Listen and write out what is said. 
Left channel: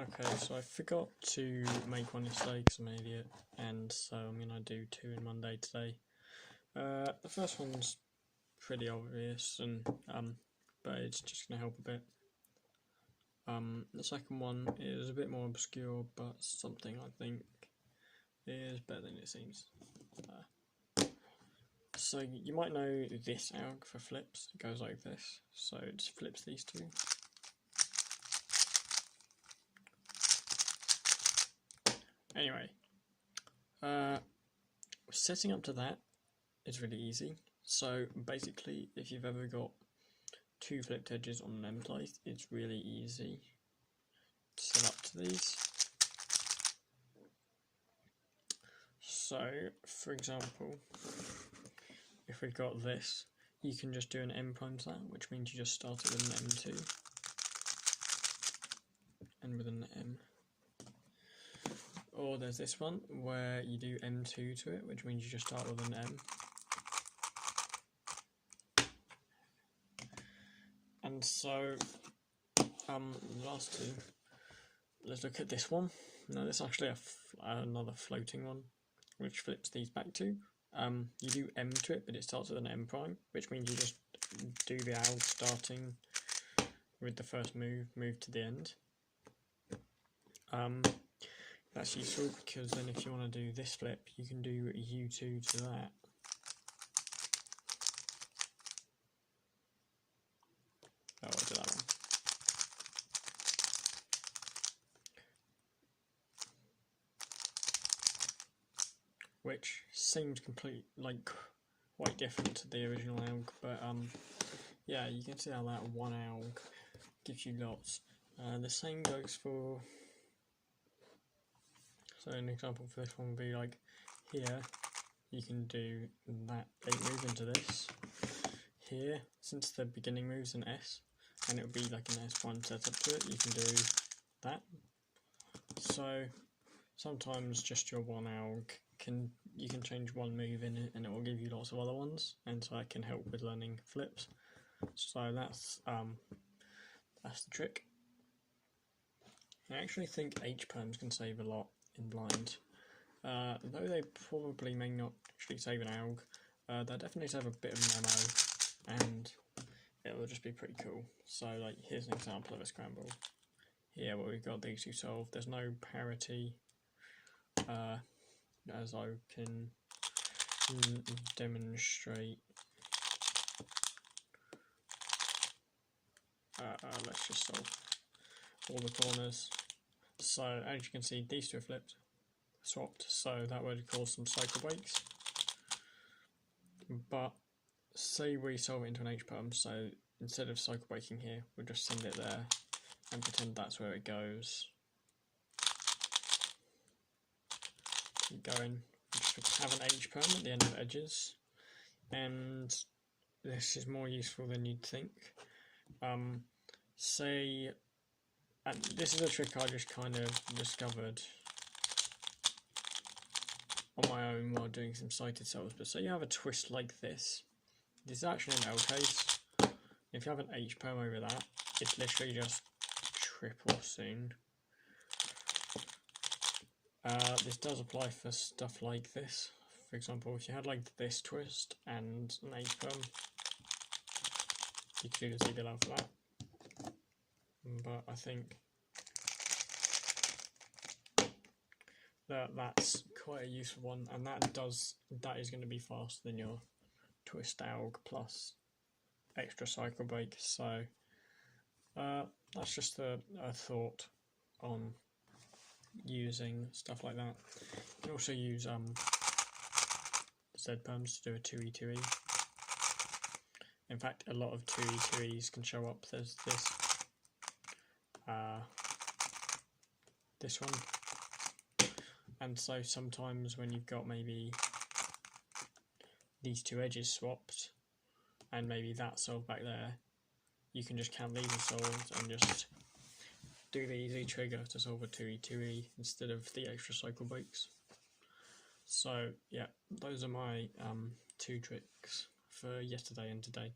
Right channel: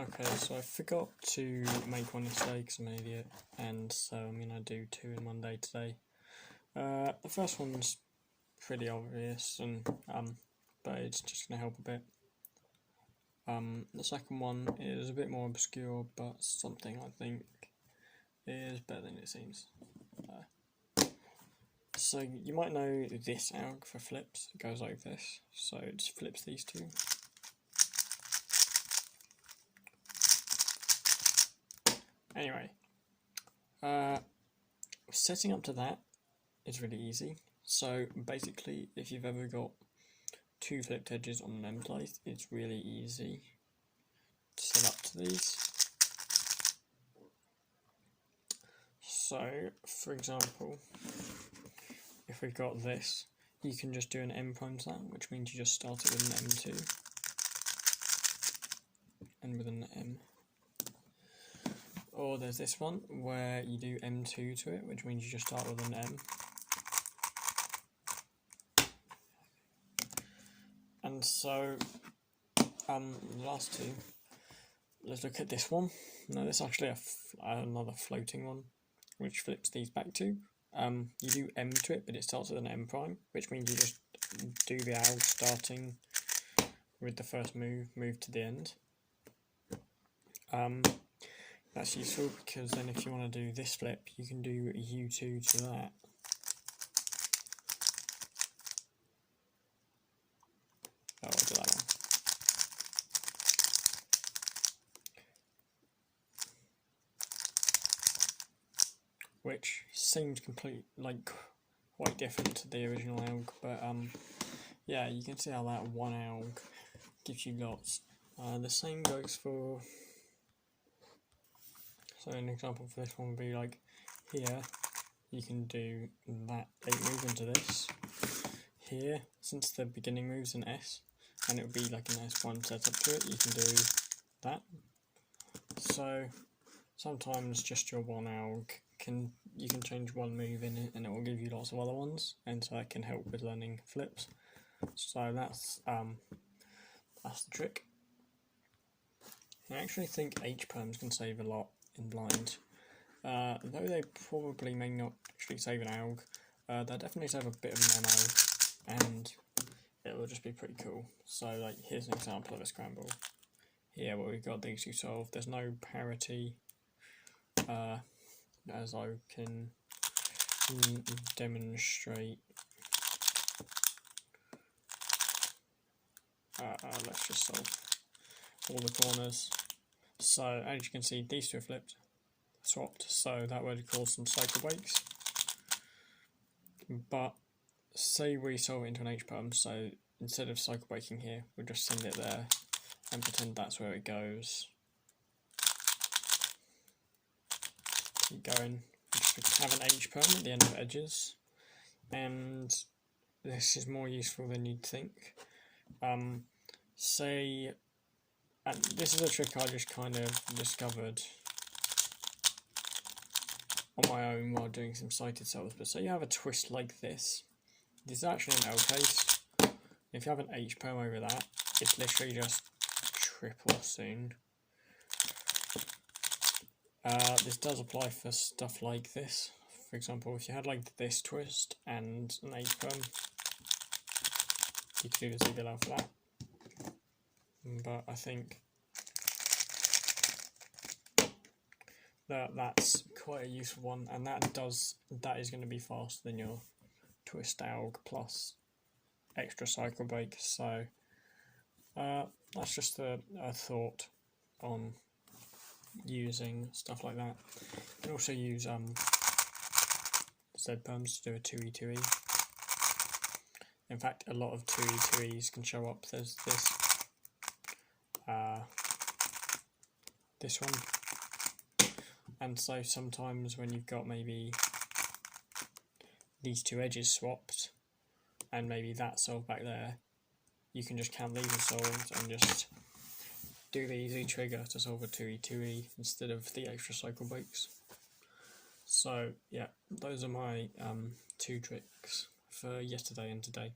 Okay, so I forgot to make one yesterday because I'm an idiot, and so I'm going to do 2 in one day today. The first one's pretty obvious, and but it's just going to help a bit. The second one is a bit more obscure, but something I think is better than it seems. So you might know this alg for flips. It goes like this. So it just flips these two. Anyway, setting up to that is really easy. So basically, if you've ever got 2 flipped edges on an template, it's really easy to set up to these. So, for example, if we've got this, you can just do an M prime sound, which means you just start it with an M2 and with an M. Or there's this one where you do M2 to it, which means you just start with an M. And so, the last two, let's look at this one. Now this is actually another floating one, which flips these back to. You do M to it, but it starts with an M prime, which means you just do the alg starting with the first move to the end. That's useful because then if you want to do this flip, you can do U2 to that. Oh, I'll do that one. Which seems quite different to the original alg, but yeah, you can see how that one alg gives you lots. The same goes for, so an example for this one would be like here, you can do that 8 move into this. Here, since the beginning move's an S, and it would be like an S1 setup to it, you can do that. So sometimes just your one alg you can change one move in it and it will give you lots of other ones, and so that can help with learning flips. So that's the trick. I actually think H-perms can save a lot in blind. Though they probably may not actually save an alg, they'll definitely save a bit of non-alg, and it will just be pretty cool. So like here's an example of a scramble. Here where we've got these two solved, there's no parity, as I can demonstrate. Let's just solve all the corners. So as you can see, these two are swapped, so that would cause some cycle breaks. But say we solve it into an H-perm, so instead of cycle breaking here, we'll just send it there and pretend that's where it goes. Keep going. We just have an H-perm at the end of edges, and this is more useful than you'd think. Say, and this is a trick I just kind of discovered on my own while doing some sighted solves, but say you have a twist like this. This is actually an L case. If you have an H-perm over that, it's literally just triple soon. This does apply for stuff like this. For example, if you had like this twist and an H-perm, you could do the CBLL for that. But I think that's quite a useful one, and that is going to be faster than your twist alg plus extra cycle break. So that's just a thought on using stuff like that. You can also use Z-perms to do a 2E2E. In fact, a lot of 2E2Es can show up. There's this one, and so sometimes when you've got maybe these two edges swapped and maybe that solved back there, you can just count these as solved and just do the easy trigger to solve a 2E2E instead of the extra cycle breaks. So yeah, those are my 2 tricks for yesterday and today.